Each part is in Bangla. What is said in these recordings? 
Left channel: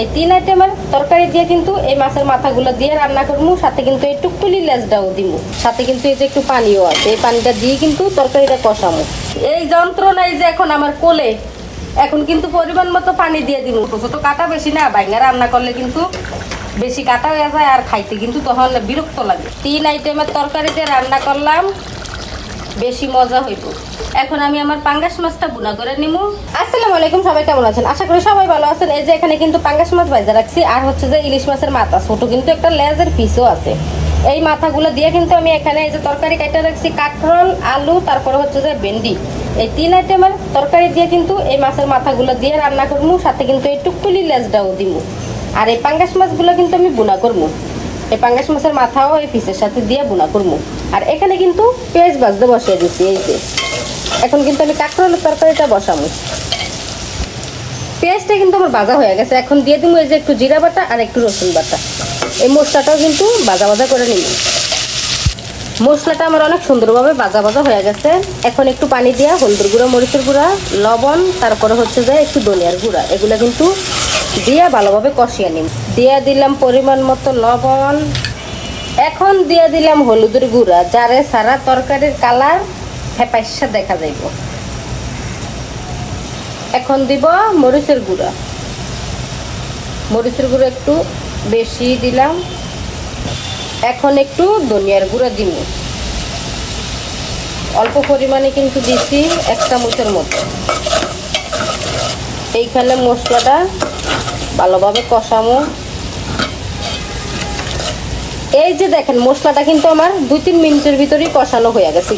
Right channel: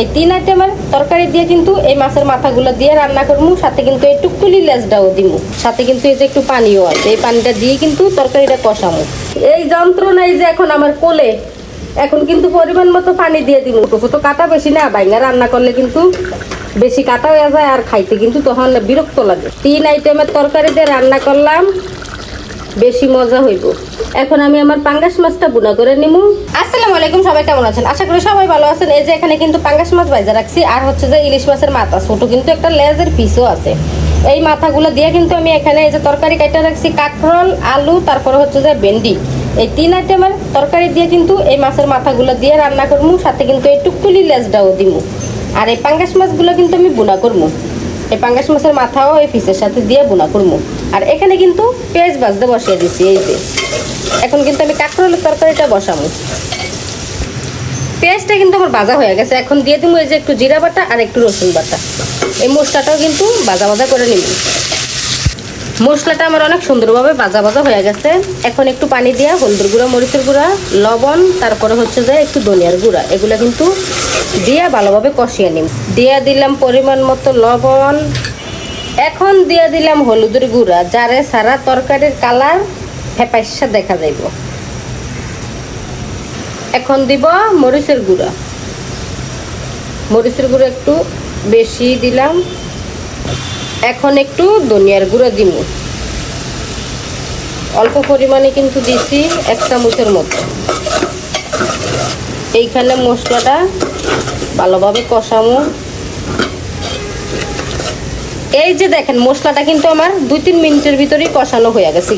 এই তিন আইটেমের তরকারি দিয়ে কিন্তু এই মাছের মাথাগুলো দিয়ে রান্না করবো, সাথে কিন্তু একটু টুলি লেজটাও দিব, সাথে কিন্তু এই যে একটু পানিও আছে, এই পানিটা দিয়ে কিন্তু তরকারিটা কষাবো। এই যন্ত্রণাই যে এখন আমার কোলে, এখন কিন্তু পরিমাণ মতো পানি দিয়ে দিন। ছোট কাটা বেশি না, বাইঙ্গা রান্না করলে কিন্তু বেশি কাটা হয়ে যায় আর খাইতে কিন্তু তখন বিরক্ত লাগে। তিন আইটেমের তরকারি দিয়ে রান্না করলাম, বেশি মজা হইব। এখন আমি আমার পাঙ্গাস মাছটা বুনা করে নিব। আসসালামু আলাইকুম, সবাই কেমন আছেন? আশা করি সবাই ভালো আছেন। এই যে এখানে কিন্তু পাঙ্গাস মাছ ভাজা রাখছি, আর হচ্ছে যে ইলিশ মাছের মাথা ছোট কিন্তু একটা লেজের পিসও আছে। এই মাথাগুলো দিয়ে কিন্তু আমি এখানে এই যে তরকারি কাটা রাখছি, কাঁকরোল, আলু, তারপরে হচ্ছে যে ভেন্ডি। এই তিন আইটেমের তরকারি দিয়ে কিন্তু এই মাছের মাথাগুলো দিয়ে রান্না করবো, সাথে কিন্তু একটু টুলি লেজটাও দিব। আর এই পাঙ্গাস মাছগুলো কিন্তু আমি বুনা করবো, এই পাঙ্গাস মাছের মাথাও এই পিসের সাথে দিয়ে বুনা করবো। আর এখানে কিন্তু পেঁয়াজ ভাজতে বসিয়ে দিচ্ছি। এই যে এখন কিন্তু আমি কাঁকরোলের তরকারিটা বসাবো। পেঁয়াজটা কিন্তু আমার ভাজা হয়ে গেছে, এখন দিয়ে দেবো এই যে একটু জিরা বাটা আর একটু রসুন বাটা। এই মশলাটাও কিন্তু ভাজা ভাজা করে নিব। মশলাটা আমার অনেক সুন্দরভাবে ভাজা ভাজা হয়ে গেছে। এখন একটু পানি দিয়ে হলুদের গুঁড়া, মরিচের গুঁড়া, লবণ, তারপরে হচ্ছে যে একটু ধনিয়ার গুঁড়া, এগুলো কিন্তু দিয়ে ভালোভাবে কষিয়ে নিব। দিয়ে দিলাম পরিমাণ মতো লবণ। এখন দিয়ে দিলাম হলুদের গুঁড়া, যারে সারা তরকারির কালার ফেপাইসা দেখা যাইব। এখন দিব মরিচের গুঁড়া, মরিচের গুঁড়া একটু বেশি দিলাম। এখন একটু ধনিয়ার গুঁড়া দিব, অল্প পরিমাণে কিন্তু দিচ্ছি, 1 চামচের মতো। এইখানে মশলাটা ভালোভাবে কষাবো। এই যে দেখেন মশলাটা কিন্তু আমার 2-3 মিনিটের ভিতরেই কষানো হয়ে গেছে।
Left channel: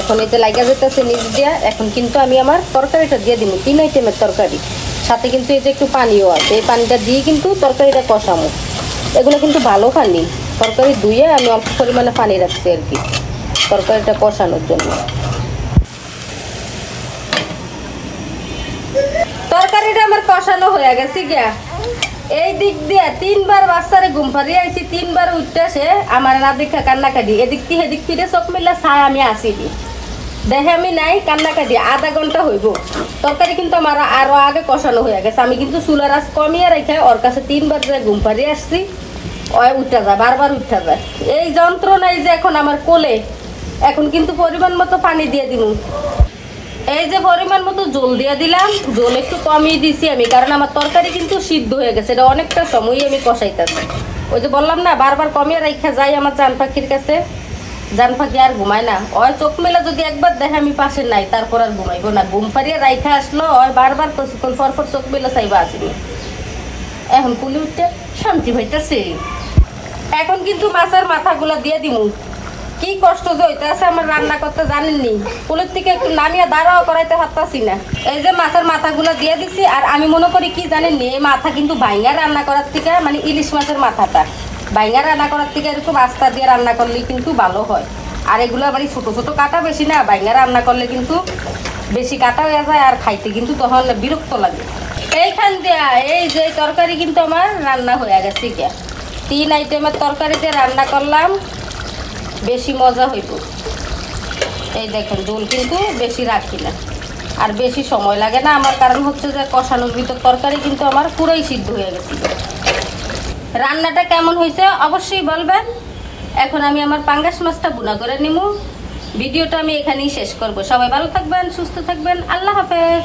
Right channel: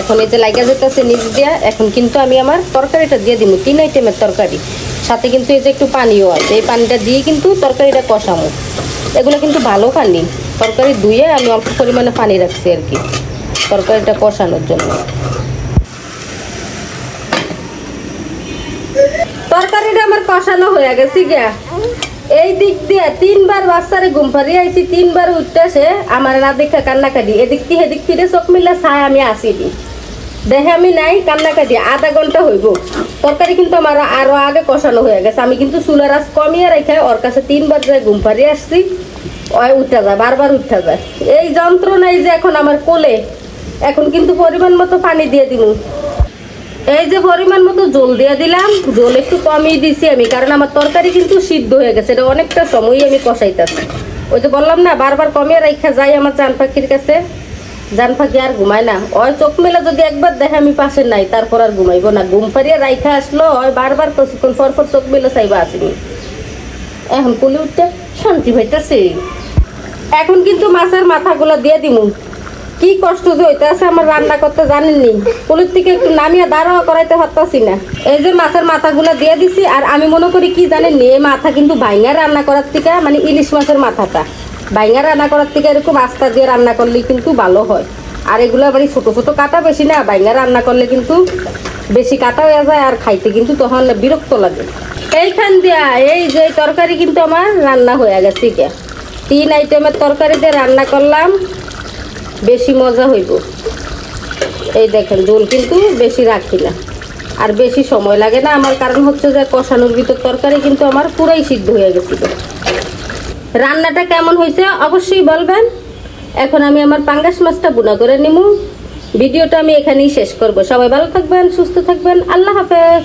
এখন এতে লাগা যেতেছে নিচ দিয়া। এখন কিন্তু আমি আমার তরকারিটা দিয়ে দিব, 3 আইটেমের তরকারি, সাথে কিন্তু এই যে একটু পানিও আছে, এই পানিটা দিয়ে কিন্তু তরকারিটা কষানো। এগুলো কিন্তু ভালো পানি, তরকারি ধুয়ে আমি অল্প পরিমাণে পানি রাখছি আর কি তরকারিটা কষানোর জন্য। তরকারিটা আমার কষানো হয়ে গেছে গিয়া। এই দিক দিয়ে 3বার বাচ্চারে ঘুম পাড়িয়ে আইছি, 3বার উঠতেছে আমার না দেখা কান্নাকাটি। এদিক থেকে এদিক ফিরে চোখ মিলা চাই আমি আসি দি, দেখে আমি নাই, কান্নাকাটি। আধা ঘন্টা হইব। তরকারি কিন্তু আমার আরো আগে কষানো হয়ে গেছে। আমি কিন্তু চুলার আঁচ কমিয়ে রেখে ওর কাছে 3বার ঘুম পাড়িয়ে আসছি, ওই উঠা যায়, বারবার উঠা যায়। এই যন্ত্রণাই যে এখন আমার কোলে, এখন কিন্তু পরিমাণ মতো পানি দিয়ে দিল। এই যে পরিমাণ মতো জল দিয়ে দিলাম, জল একটু কমিয়ে দিছি আমি, কারণ আমার তরকারি কিন্তু সিদ্ধ হয়ে গেছে। এটা অনেকটা সময় আমি কষাইতেছি। ওই যে বললাম না, বারবার কমিয়ে রেখা যাই আমার জান পাখির কাছে। জান পাখি আর ঘুমায় না, ওই চোখ মেলা যদি একবার দেখে আমি পাশে নাই, তারপর আর ঘুমাইবো না। ঘুম পাড়িয়ে রাইখা আসলো, ওই বারবার কিছুক্ষণ পরপর চোখ মেলা চাইবা আসিনি। এখন কোলে উঠতে শান্তি হইতেছে। এখন কিন্তু মাছের মাথাগুলো দিয়ে দিমু। কি কষ্ট যে হইতেছে আমার রান্না করতে জানেননি, কোলের থেকে একটু নামিয়ে দাঁড়াও করাইতে পারতাছি না। এই যে মাছের মাথাগুলো দিয়ে দিছি। আর আমি মনে করি কি জানেননি, এই মাথা কিন্তু বাইঙ্গা রান্না করার থেকে, মানে ইলিশ মাছের মাথাটা বাইঙ্গা রান্না করার থেকে এরকম আস্তা দিয়ে রান্না করলে কিন্তু ভালো হয়। আর এগুলো বাড়ি ছোট ছোট কাটা বেশি না, বাইঙ্গা রান্না করলে কিন্তু বেশি কাটা হয়ে যায় আর খাইতে কিন্তু তখন বিরক্ত লাগে। এইখান দিয়া এই যে তরকারি কিন্তু আমার রান্না হয়ে গেছে। 3 আইটেমের তরকারি দিয়ে রান্না করলাম, বেশি মজা হইব। এই দেখেন ঝোল কিন্তু বেশি রাখি না, আর বেশি সময় লাগে না আমার, কারণ হচ্ছে যে কষানোর ভিতর তরকারি কিন্তু আমার পুরাই সিদ্ধ হয়ে গেছে। রান্নাটা কেমন হয়েছে অবশ্যই বলবেন। এখন আমি আমার পাঙ্গাস মাছটা বুনা করে নিব। ভিডিওটা আমি এখানেই শেষ করব। সবাই ভালো থাকবেন, সুস্থ থাকবেন, আল্লাহ হাফেজ।